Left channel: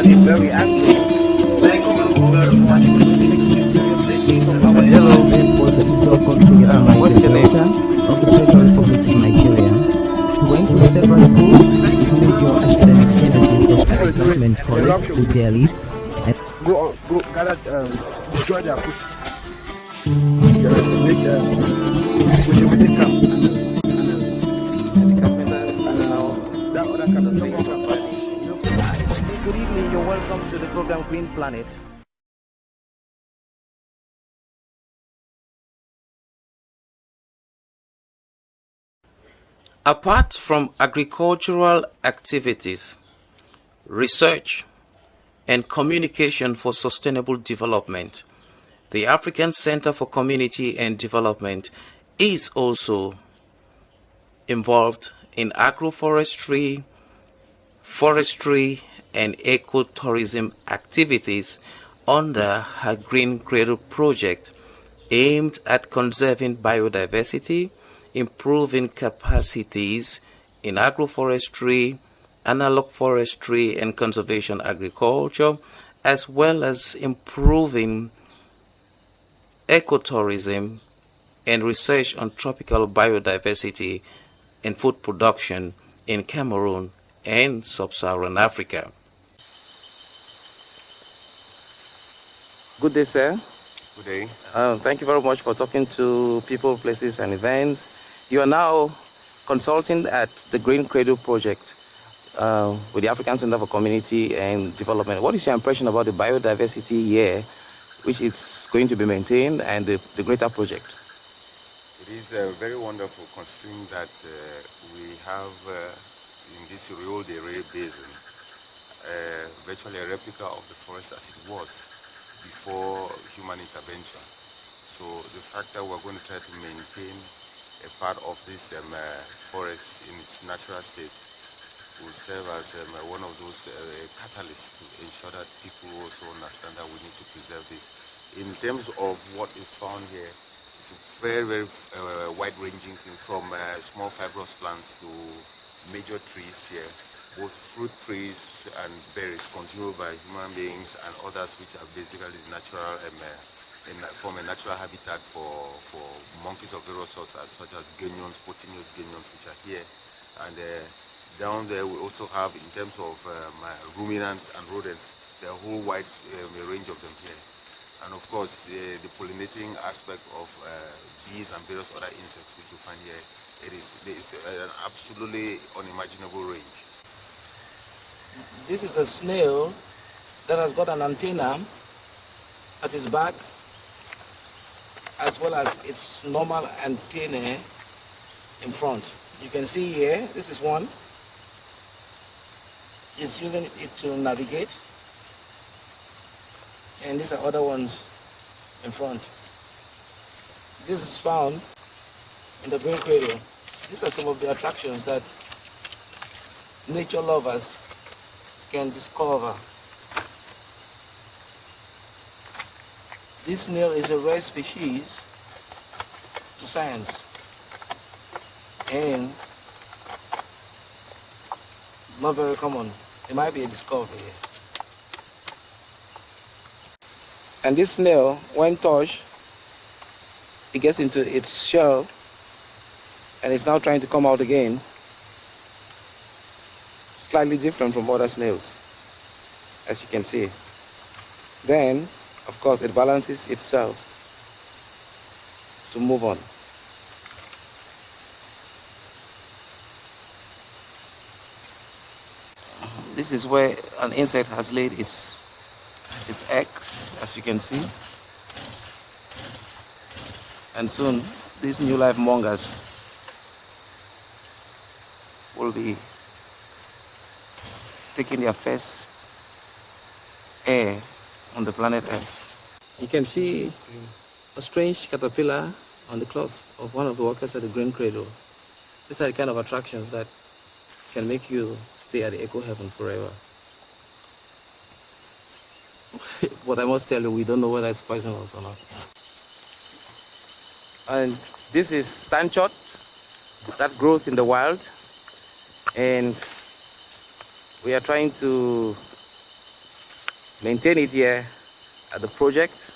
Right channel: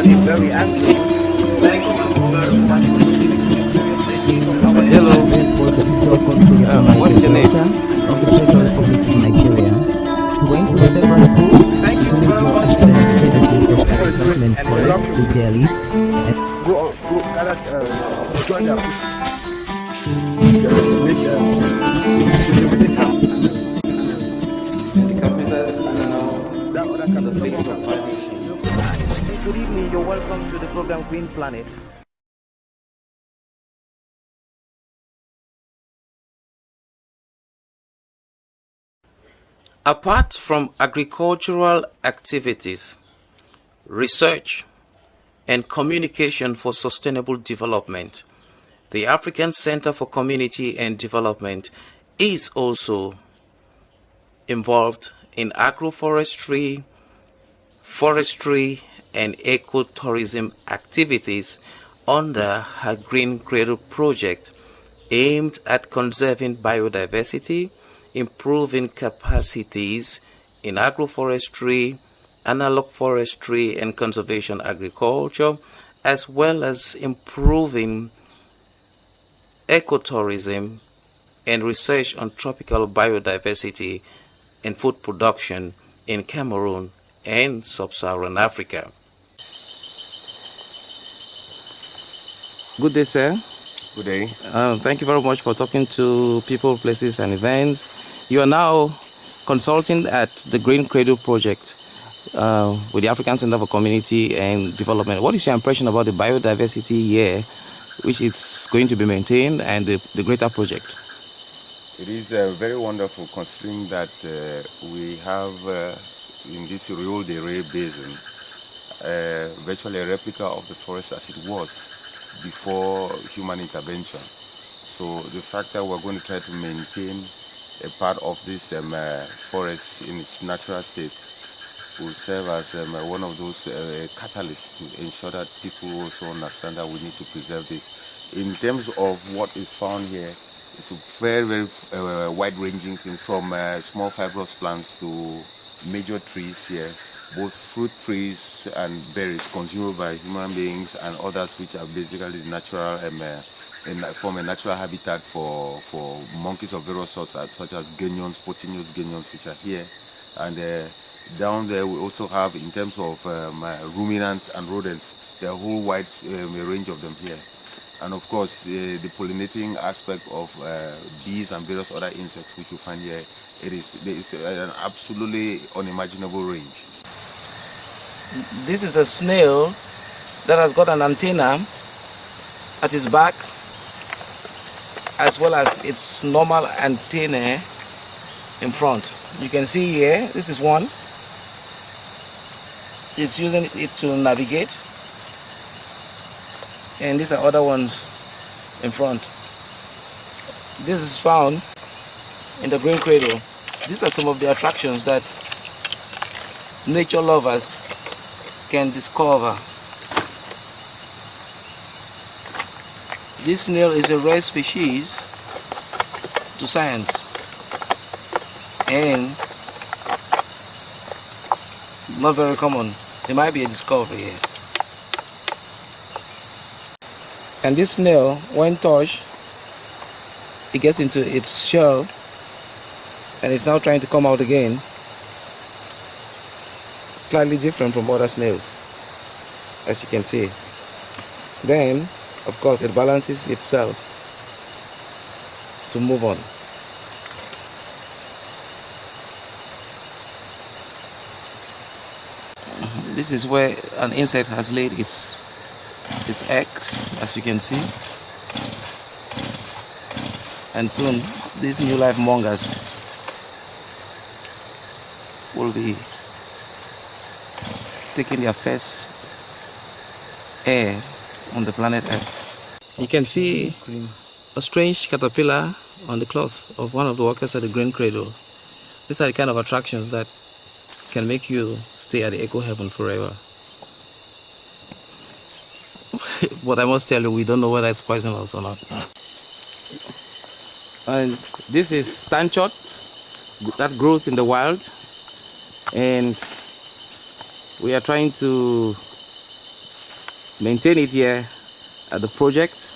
actually very active. Like our official country of the Niger Delta of the Federal Republic of Nigeria. He went to several schools, major academic services of Government College to Delhi. And go gather, join their foot. Make with the camp. That other camp, Good evening, you're welcome to the program Green Planet. Apart from agricultural activities, research, and communication for sustainable development, the African Center for Community and Development is also involved in agroforestry, forestry, and ecotourism activities under her Green Cradle project aimed at conserving biodiversity, improving capacities in agroforestry, analog forestry, and conservation agriculture, as well as improving ecotourism and research on tropical biodiversity and food production in Cameroon and sub-Saharan Africa. Good day, sir. Good day. Thank you very much for talking to people, places, and events. You are now consulting at the Green Cradle project with the African Center for Community and Development. What is your impression about the biodiversity here, which is going to be maintained, and the greater project? It is very wonderful, considering that we have in this Rio de Rey basin virtually a replica of the forest as it was before human intervention. So the fact that we're going to try to maintain a part of this forest in its natural state will serve as one of those catalysts to ensure that people also understand that we need to preserve this. In terms of what is found here, it's very, very wide-ranging things, from small fibrous plants to major trees here, both fruit trees and berries consumed by human beings, and others which are basically natural form a natural habitat for monkeys of various sorts, such as ganyons, Potineus ganyons, which are here. And down there we also have, in terms of ruminants and rodents, there are a whole wide range of them here. And of course, the pollinating aspect of bees and various other insects which you find here, there is an absolutely unimaginable range. This is a snail that has got an antenna at its back, as well as its normal antennae in front. You can see here, this is one. It's using it to navigate. And these are other ones in front. This is found in the Green Cradle. These are some of the attractions that nature lovers can discover. This snail is a rare species to science and not very common. It might be a discovery here. And this snail, when touched, it gets into its shell and it's now trying to come out again. Slightly different from other snails, as you can see. Then, of course, it balances itself to move on. This is where an insect has laid its eggs, as you can see. And soon, these new life mongers will be taking their first air on the planet Earth. You can see a strange caterpillar on the cloth of one of the workers at the Green Cradle. These are the kind of attractions that can make you stay at the eco heaven forever. But I must tell you, we don't know whether it's poisonous or not. And this is stanchot that grows in the wild, and we are trying to maintain it here at the project,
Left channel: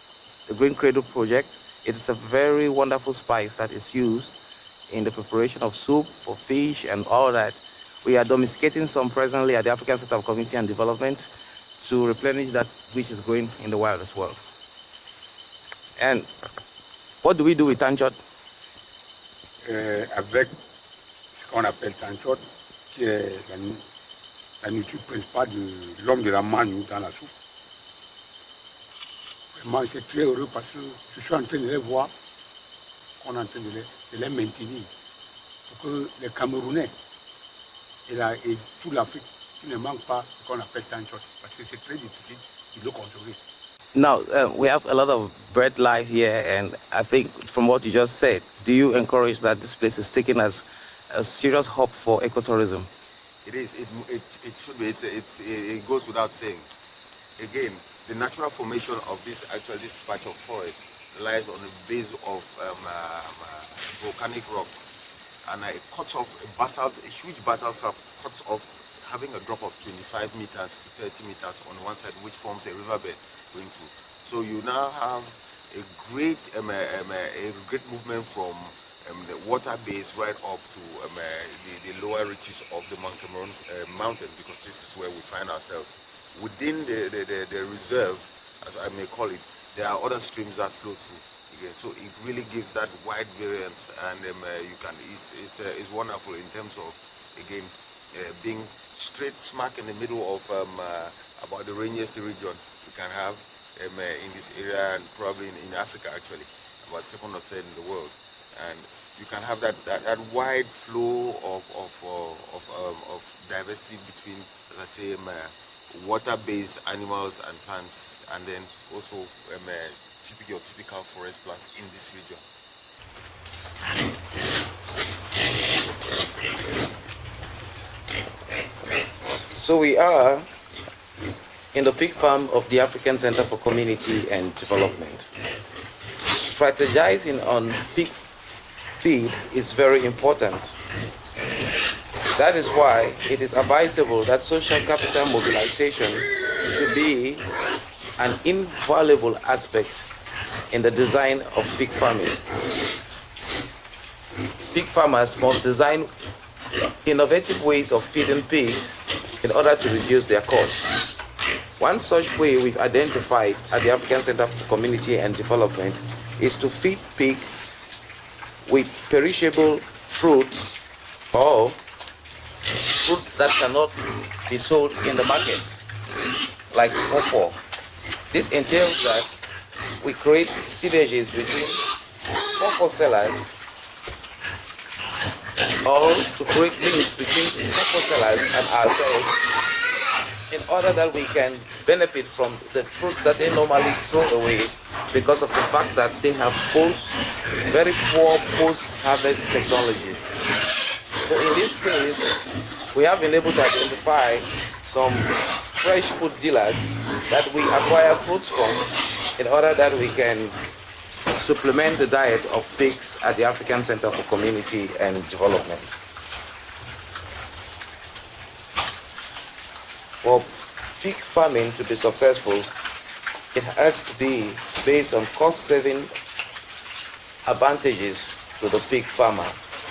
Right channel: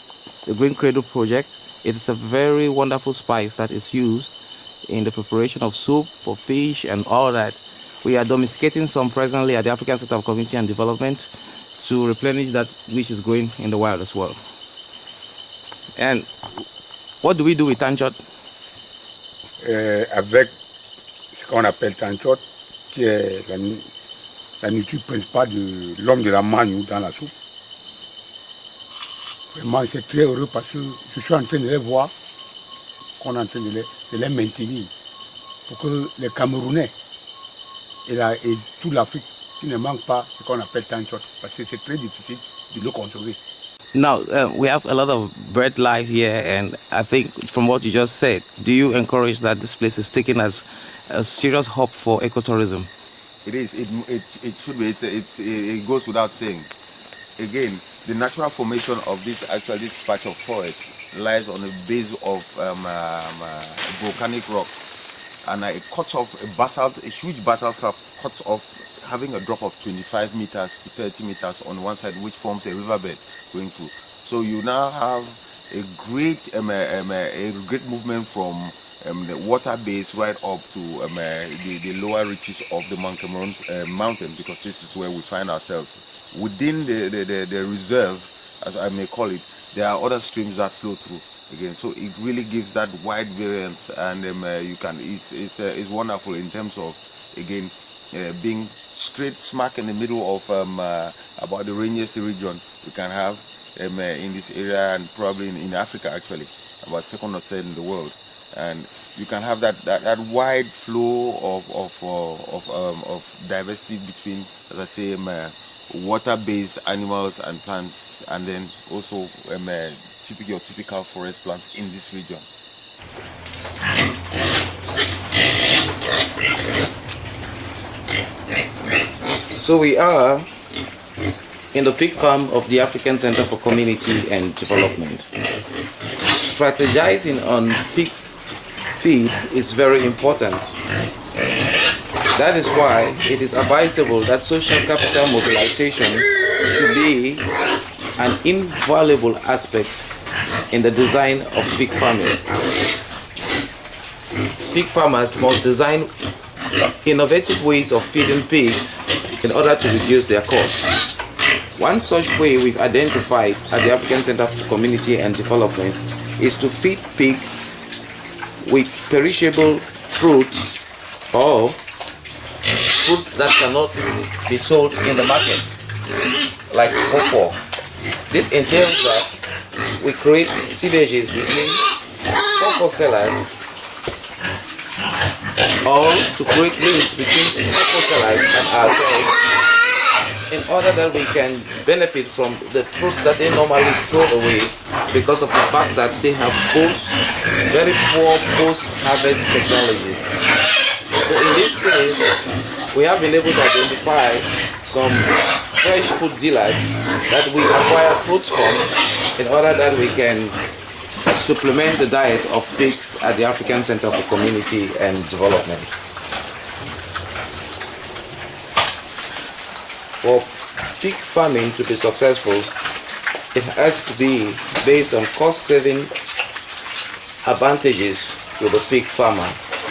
the Green Cradle project. It is a very wonderful spice that is used in the preparation of soup for fish and all that. We are domesticating some presently at the African Center of Community and Development to replenish that which is growing in the wild as well. And what do we do with tanchot? Avec ce qu'on appelle tanchot, qui est la nourriture principale de l'homme de la manne dans la soupe. Vraiment, c'est très heureux parce que je suis en train de les voir, qu'on est en train de les maintenir pour que les Camerounais et toute l'Afrique qui ne manquent pas ce qu'on appelle tanchot parce que c'est très difficile de le conserver. Now, we have a lot of bird life here, and I think from what you just said, do you encourage that this place is taken as a serious hub for ecotourism? It is. It should be. It goes without saying. Again, the natural formation of this patch of forest lies on a base of volcanic rock, and it cuts off a huge basalt cuts off, having a drop of 25 meters to 30 meters on one side, which forms a riverbed going through. So you now have a great movement from the water base right up to the lower reaches of the Mount Cameroon mountain, because this is where we find ourselves. Within the reserve, as I may call it, there are other streams that flow through again. So it really gives that wide variance, and it's wonderful in terms of, again, being straight smack in the middle of about the rainiest region you can have in this area, and probably in Africa actually, about second or third in the world. And you can have that wide flow of diversity between, as I say, water-based animals and plants, and then also your typical forest plants in this region. So we are in the pig farm of the African Center for Community and Development. Strategizing on pig feed is very important. That is why it is advisable that social capital mobilization should be an invaluable aspect in the design of pig farming. Pig farmers must design innovative ways of feeding pigs in order to reduce their costs. One such way we've identified at the African Center for Community and Development is to feed pigs with perishable fruits or fruits that cannot be sold in the market, like cocoa. This entails that we create synergies between cocoa sellers, or to create links between cocoa sellers in order that we can benefit from the fruits that they normally throw away because of the fact that they have very poor post-harvest technologies. In this case, we have been able to identify some fresh food dealers that we acquire food from in order that we can supplement the diet of pigs at the African Center for Community and Development. For pig farming to be successful, it has to be based on cost-saving advantages to the pig farmer.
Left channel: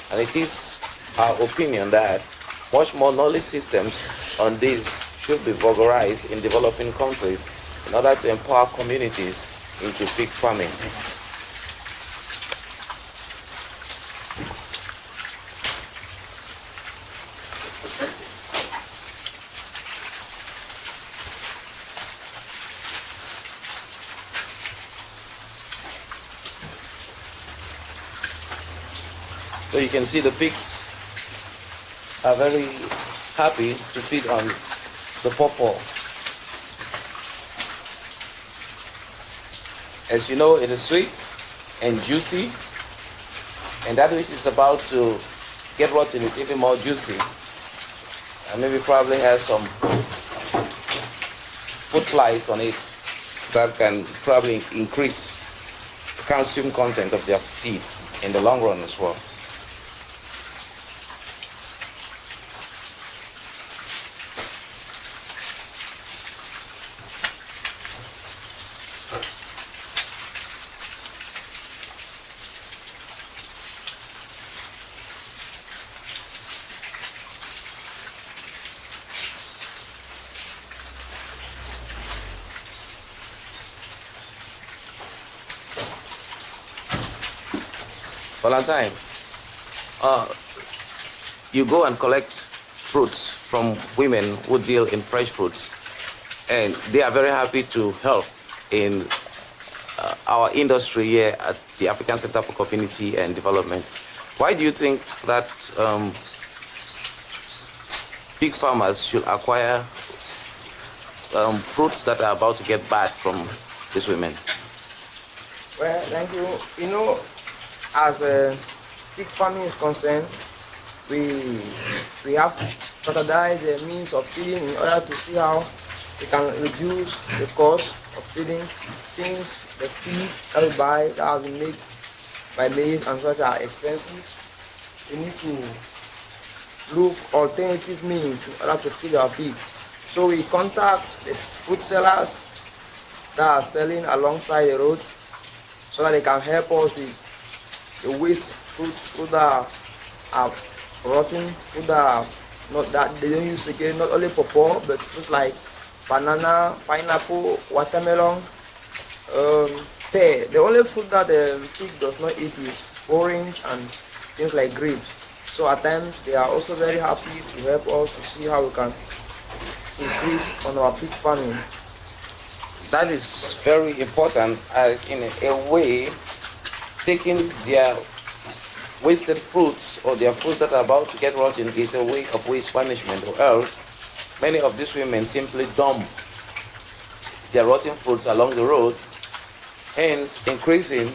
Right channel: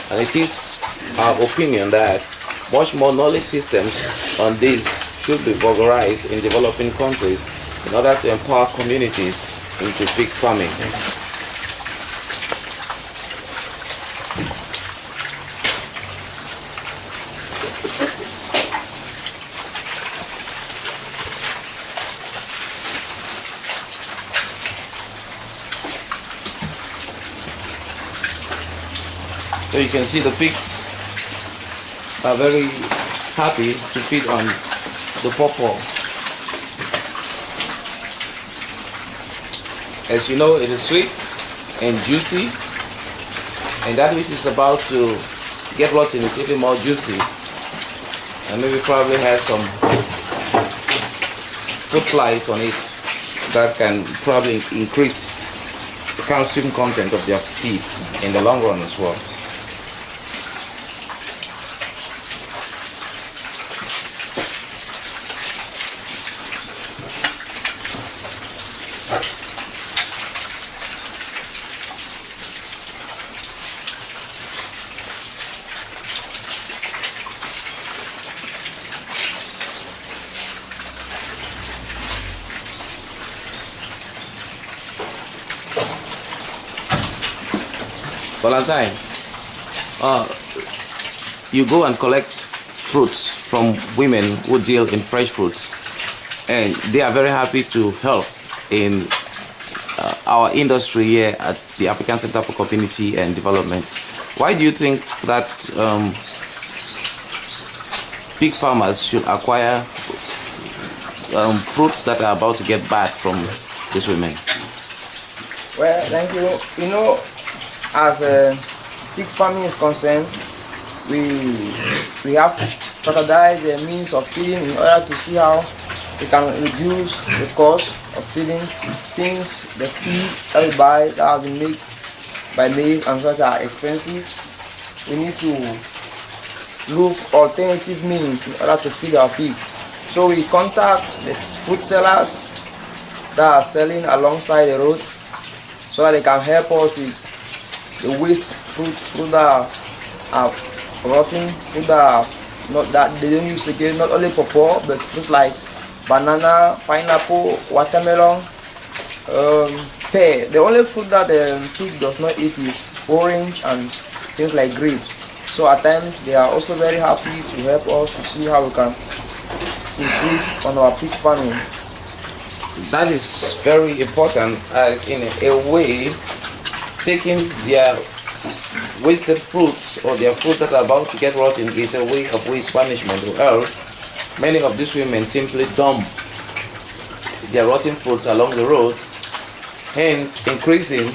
And it is our opinion that much more knowledge systems on this should be vulgarized in developing countries in order to empower communities into pig farming. So you can see the pigs are very happy to feed on the pawpaw. As you know, it is sweet and juicy, and that which is about to get rotten is a little more juicy. And we will probably have some fruit flies on it that can probably increase the calcium content of their feed in the long run as well. time, you go and collect fruits from women who deal in fresh fruits, and they are very happy to help in our industry here at the African Center for Community and Development. Why do you think that big farmers should acquire fruits that are about to get bad from these women? Well, thank you. You know, as pig farming is concerned, we have to strategize the means of feeding in order to see how we can reduce the cost of feeding, since the feed that we buy that has been made by maize and such are expensive. We need to look alternative means in order to feed our pigs. So we contact the food sellers that are selling alongside the road so that they can help us with the waste fruit that are rotten, fruit that are not that they don't use again, not only pawpaw but fruit like banana, pineapple, watermelon, pear. The only fruit that the pig does not eat is orange and things like grapes. So at times they are also very happy to help us to see how we can increase on our pig farming. That is very important, in a way, taking their wasted fruits or their fruit that are about to get rotten is a way of waste management. Because many of these women simply dump their rotten fruits along the road, hence increasing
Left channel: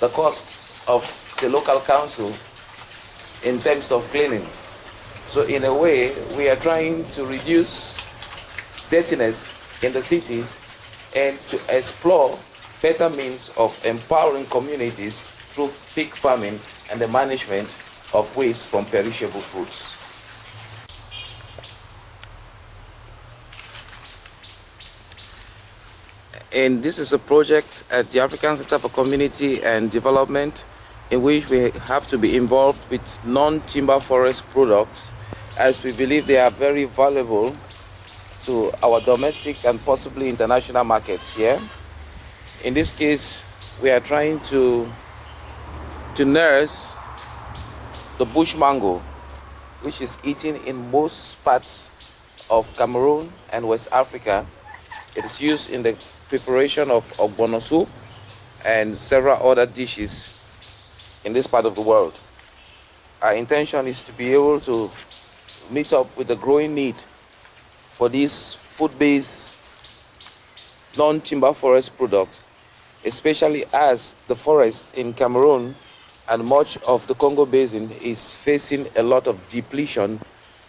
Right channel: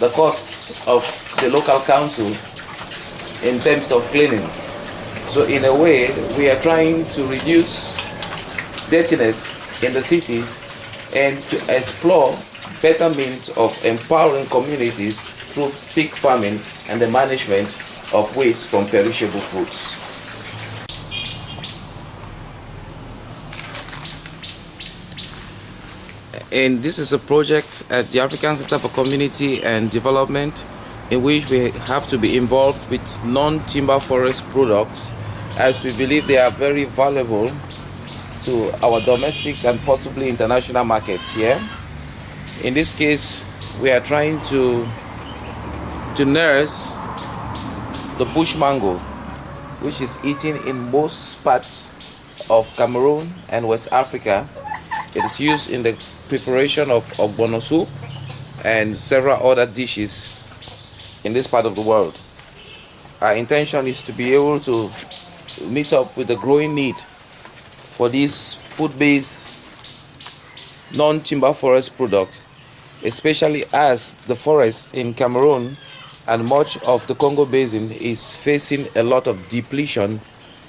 the cost of the local council in terms of cleaning. So in a way, we are trying to reduce dirtiness in the cities and to explore better means of empowering communities through pig farming and the management of waste from perishable foods. And this is a project at the African Center for Community and Development in which we have to be involved with non-timber forest products, as we believe they are very valuable to our domestic and possibly international markets here. In this case, we are trying to nurse the bush mango, which is eaten in most parts of Cameroon and West Africa. It is used in the preparation of ogbono soup and several other dishes in this part of the world. Our intention is to be able to meet up with the growing need for these food-based non-timber forest products, especially as the forest in Cameroon and much of the Congo Basin is facing a lot of depletion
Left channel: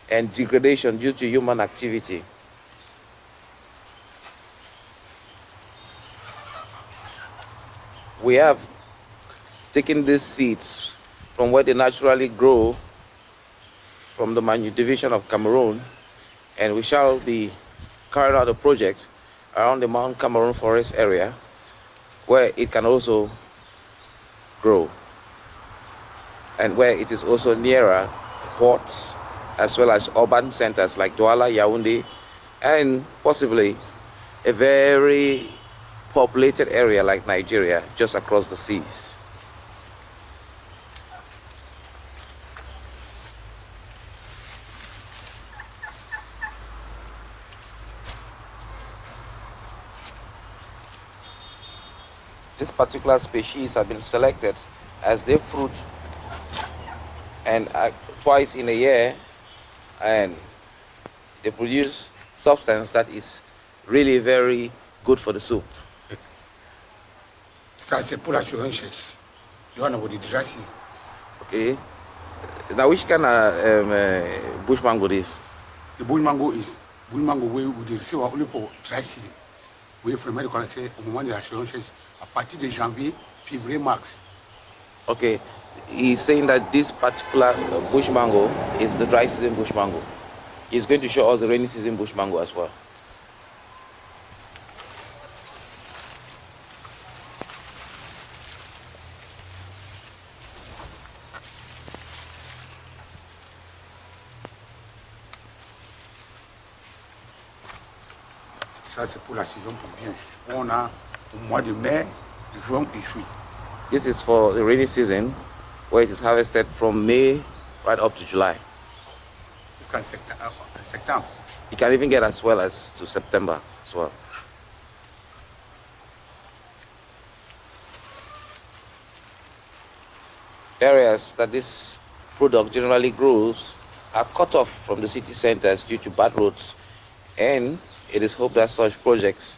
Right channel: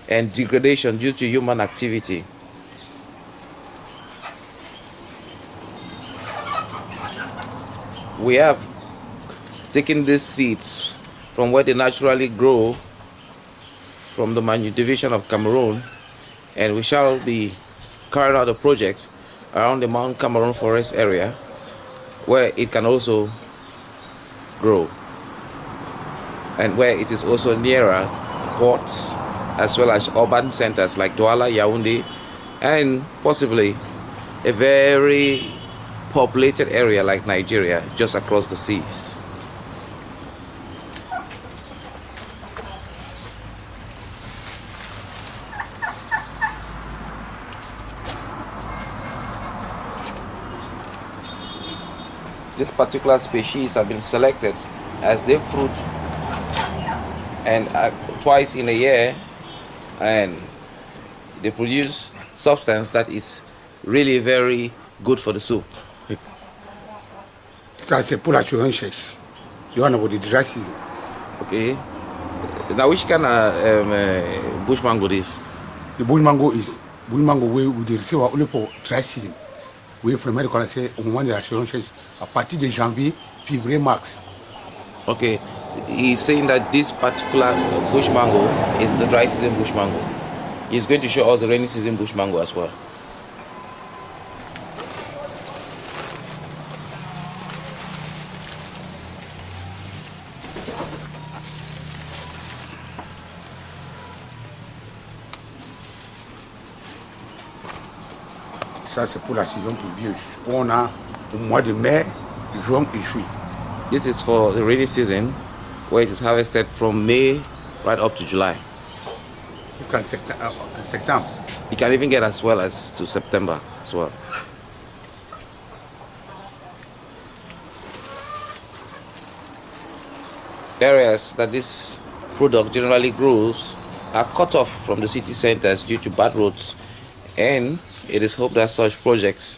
and degradation due to human activity. We have taken these seeds from where they naturally grow from the Manyu division of Cameroon, and we shall be carrying out a project around the Mount Cameroon forest area where it can also grow and where it is also nearer ports as well as urban centers like Douala, Yaoundé, and possibly a very populated area like Nigeria just across the seas. This particular species have been selected as they fruit and twice in a year, and they produce substance that is really very good for the soup. Ça, c'est pour l'assurance chèche. You want about the dry season. Okay. Now, which kind of bush mango this? The bush mango we receive only for dry season. We from America say au moment de l'assurance chèche, à partir de janvier, février, mars. Okay. He's saying that this particular bush mango is the dry season bush mango. He's going to show us the rainy season bush mango as well. Ça, c'est pour la saison pluvieuse. On a au mois de mai, juin et juillet. This is for the rainy season, where it is harvested from May right up to July. Jusqu'en septembre. It can even get as well as to September as well. Areas that this product generally grows are cut off from the city centers due to bad roads, and it is hoped that such projects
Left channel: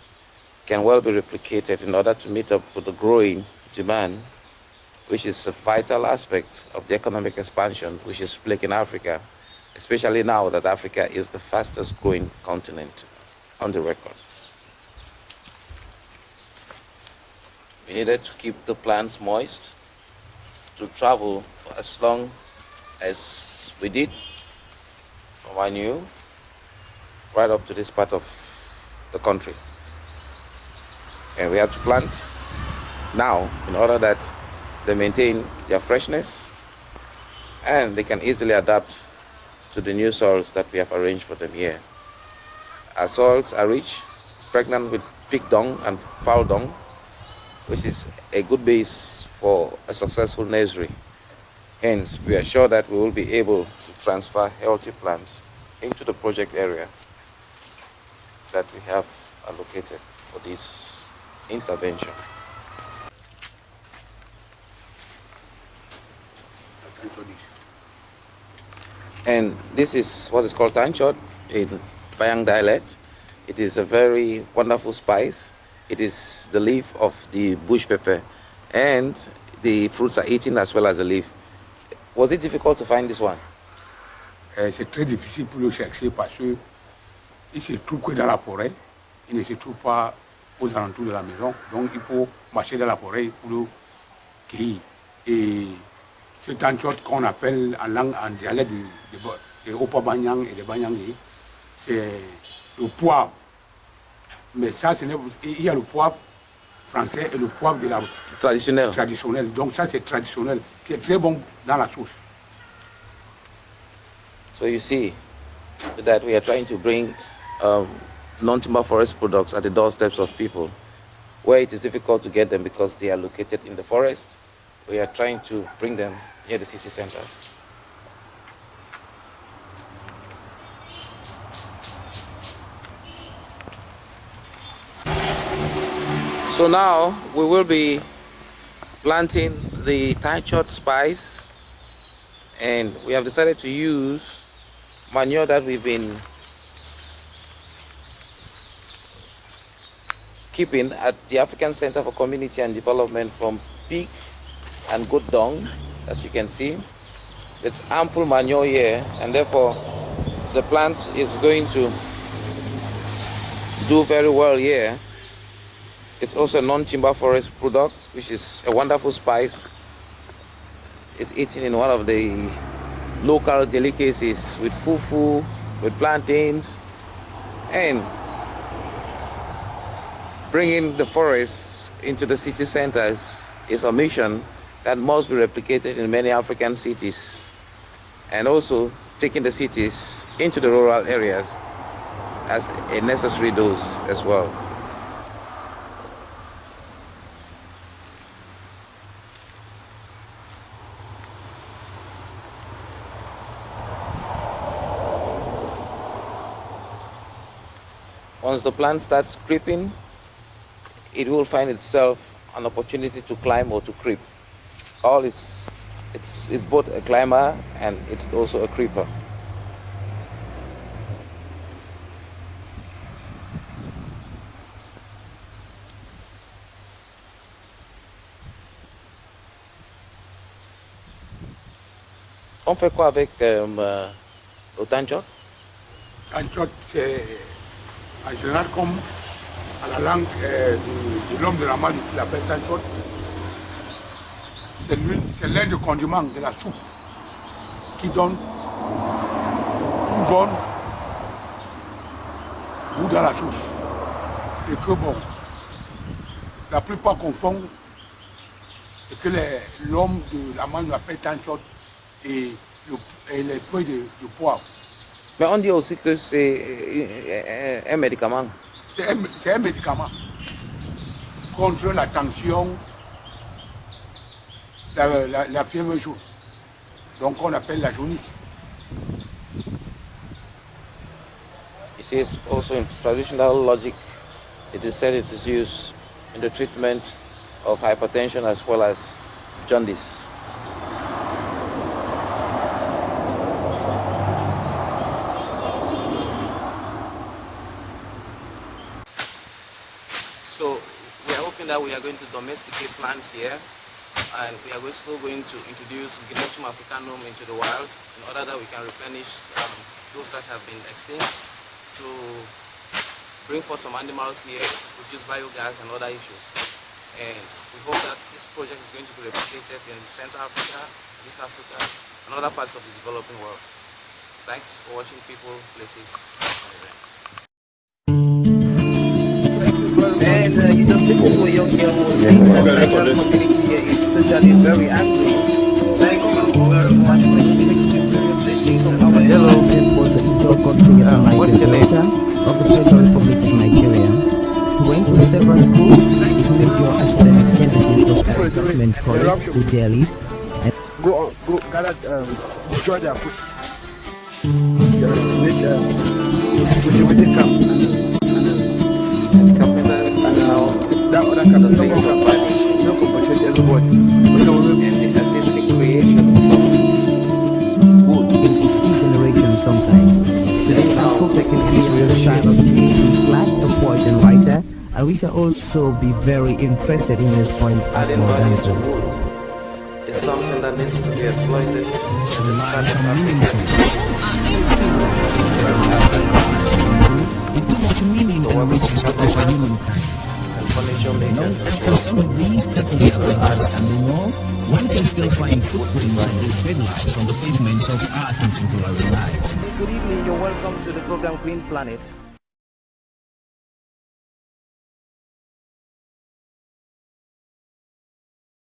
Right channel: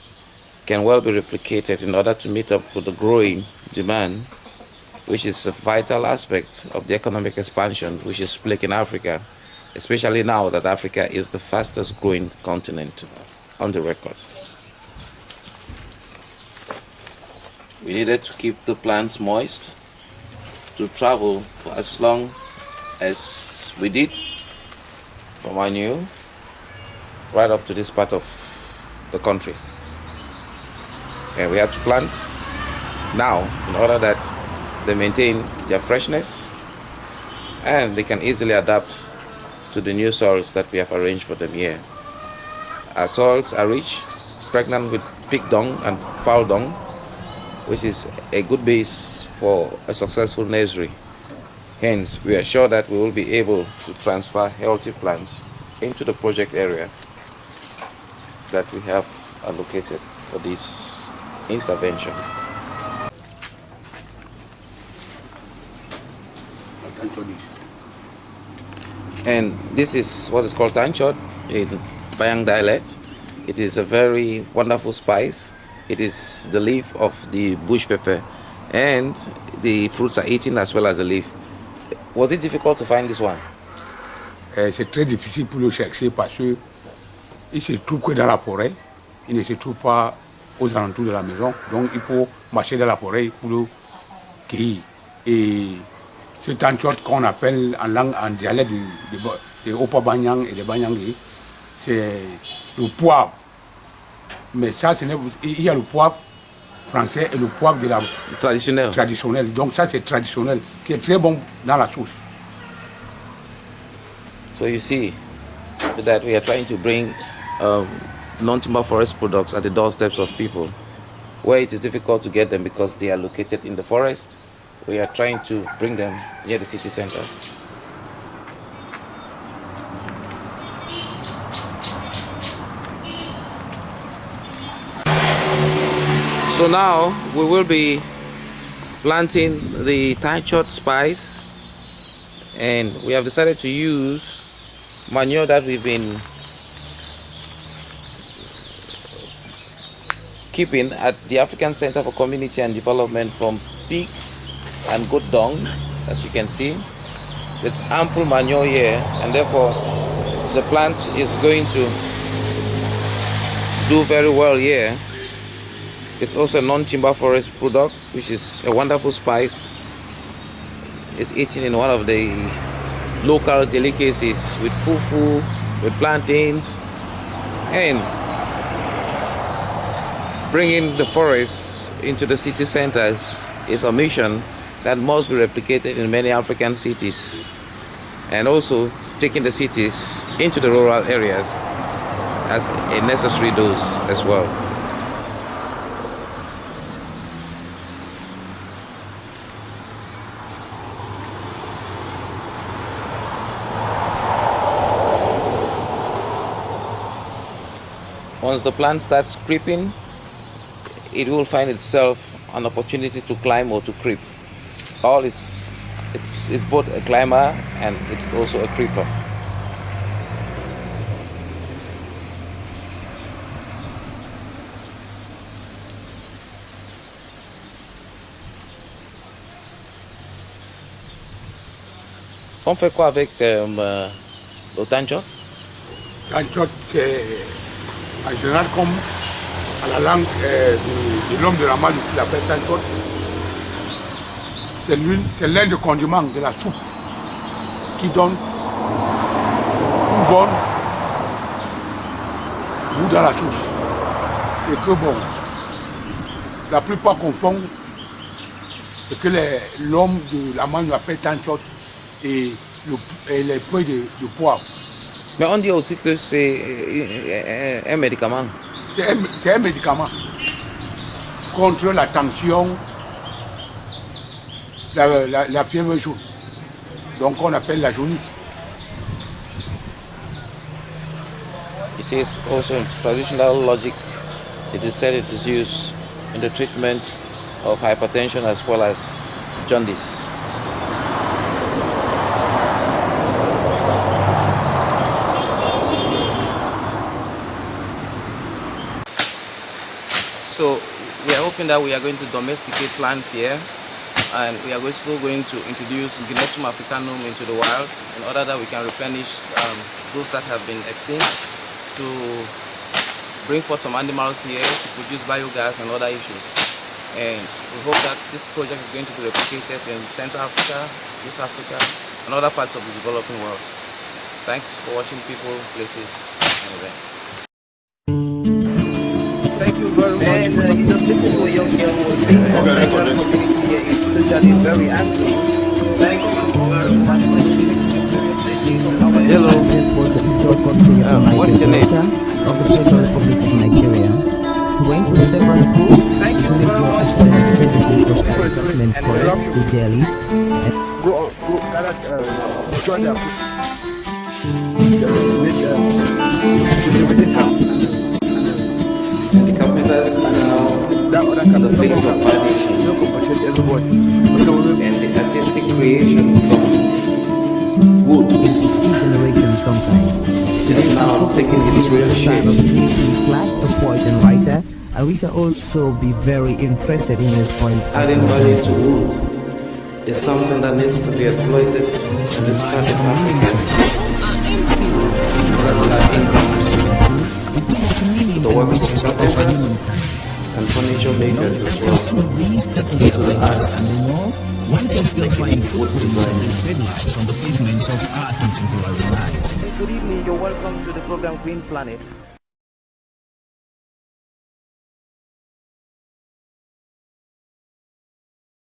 can well be replicated in order to meet up with the growing demand, which is a vital aspect of the economic expansion which is plaguing Africa, especially now that Africa is the fastest growing continent on the record. We needed to keep the plants moist to travel for as long as we did from Manue right up to this part of the country. And we have to plant now in order that they maintain their freshness and they can easily adapt to the new soils that we have arranged for them here. Our soils are rich, pregnant with pig dung and fowl dung, which is a good base for a successful nursery. Hence, we are sure that we will be able to transfer healthy plants into the project area that we have allocated for this intervention. And this is what is called tanchot in Bayang dialect. It is a very wonderful spice. It is the leaf of the bush pepper, and the fruits are eaten as well as the leaf. Was it difficult to find this one? C'est très difficile pour le chercher parce qu'il se trouve que dans la forêt. Il ne se trouve pas aux alentours de la maison. Donc il faut marcher dans la forêt pour le cueillir. Et ce tanchot qu'on appelle en dialecte de Opa-Banyang et de Banyangé, c'est le poivre. Mais ça, il y a le poivre français et le poivre de la traditionnel. Donc ça, c'est traditionnel, qui est très bon dans la sauce. So you see that we are trying to bring non-timber forest products at the doorsteps of people, where it is difficult to get them because they are located in the forest. We are trying to bring them near the city centers. So now we will be planting the tanchot spice, and we have decided to use manure that we've been keeping at the African Center for Community and Development from pig and goat dung, as you can see. It's ample manure here, and therefore the plant is going to do very well here. It's also a non-timber forest product, which is a wonderful spice. It's eaten in one of the local delicacies with fufu, with plantains, and bringing the forests into the city centers is a mission that must be replicated in many African cities, and also taking the cities into the rural areas as a necessary dose as well. Once the plant starts creeping, it will find itself an opportunity to climb or to creep. It's both a climber and it's also a creeper. On fait quoi avec le tanchot? Tanchot, c'est en général comme à la langue de l'homme de la malle qui l'appelle tanchot. C'est l'un des condiments de la soupe qui donne une bonne goût dans la soupe. Et que bon, la plupart confondent ce que l'homme de la malle appelle tanchot et les feuilles de poivre. Mais on dit aussi que c'est un médicament. C'est un médicament contre la tension, la fièvre jaune. Donc on appelle la jaunisse. It is also in traditional logic. It is said it is used in the treatment of hypertension as well as jaundice. So we are hoping that we are going to domesticate plants here, and we are also going to introduce Guinetum africanum into the wild in order that we can replenish those that have been extinct, to bring forth some animals here to produce biogas and other issues. And we hope that this project is going to be replicated in Central Africa, East Africa, and other parts of the developing world. Thanks for watching People, Places, and Events. And you just listen to a young girl who was saying that the Nigerian community here is totally very angry. Thank you very much for listening to our This was the Ivo country of the Niger Delta of the Federal Republic of Nigeria. He went to several schools, including your academic services of Government College to Delhi. And go gather, destroy their food. With the camp. That other camp, no compensate everybody. So generation sometimes. Today our focus is on the style of the class, a poet and writer, and we shall also be very interested in his point as more dancer. The sound that needs to be avoided. Lines are meaningful. It too much meaning and riches of humankind. Long after some of these earthly adventures and more, one can still find footprints of the dead lives on the pavements of our contemporary life. good evening, you're welcome to the program Green Planet.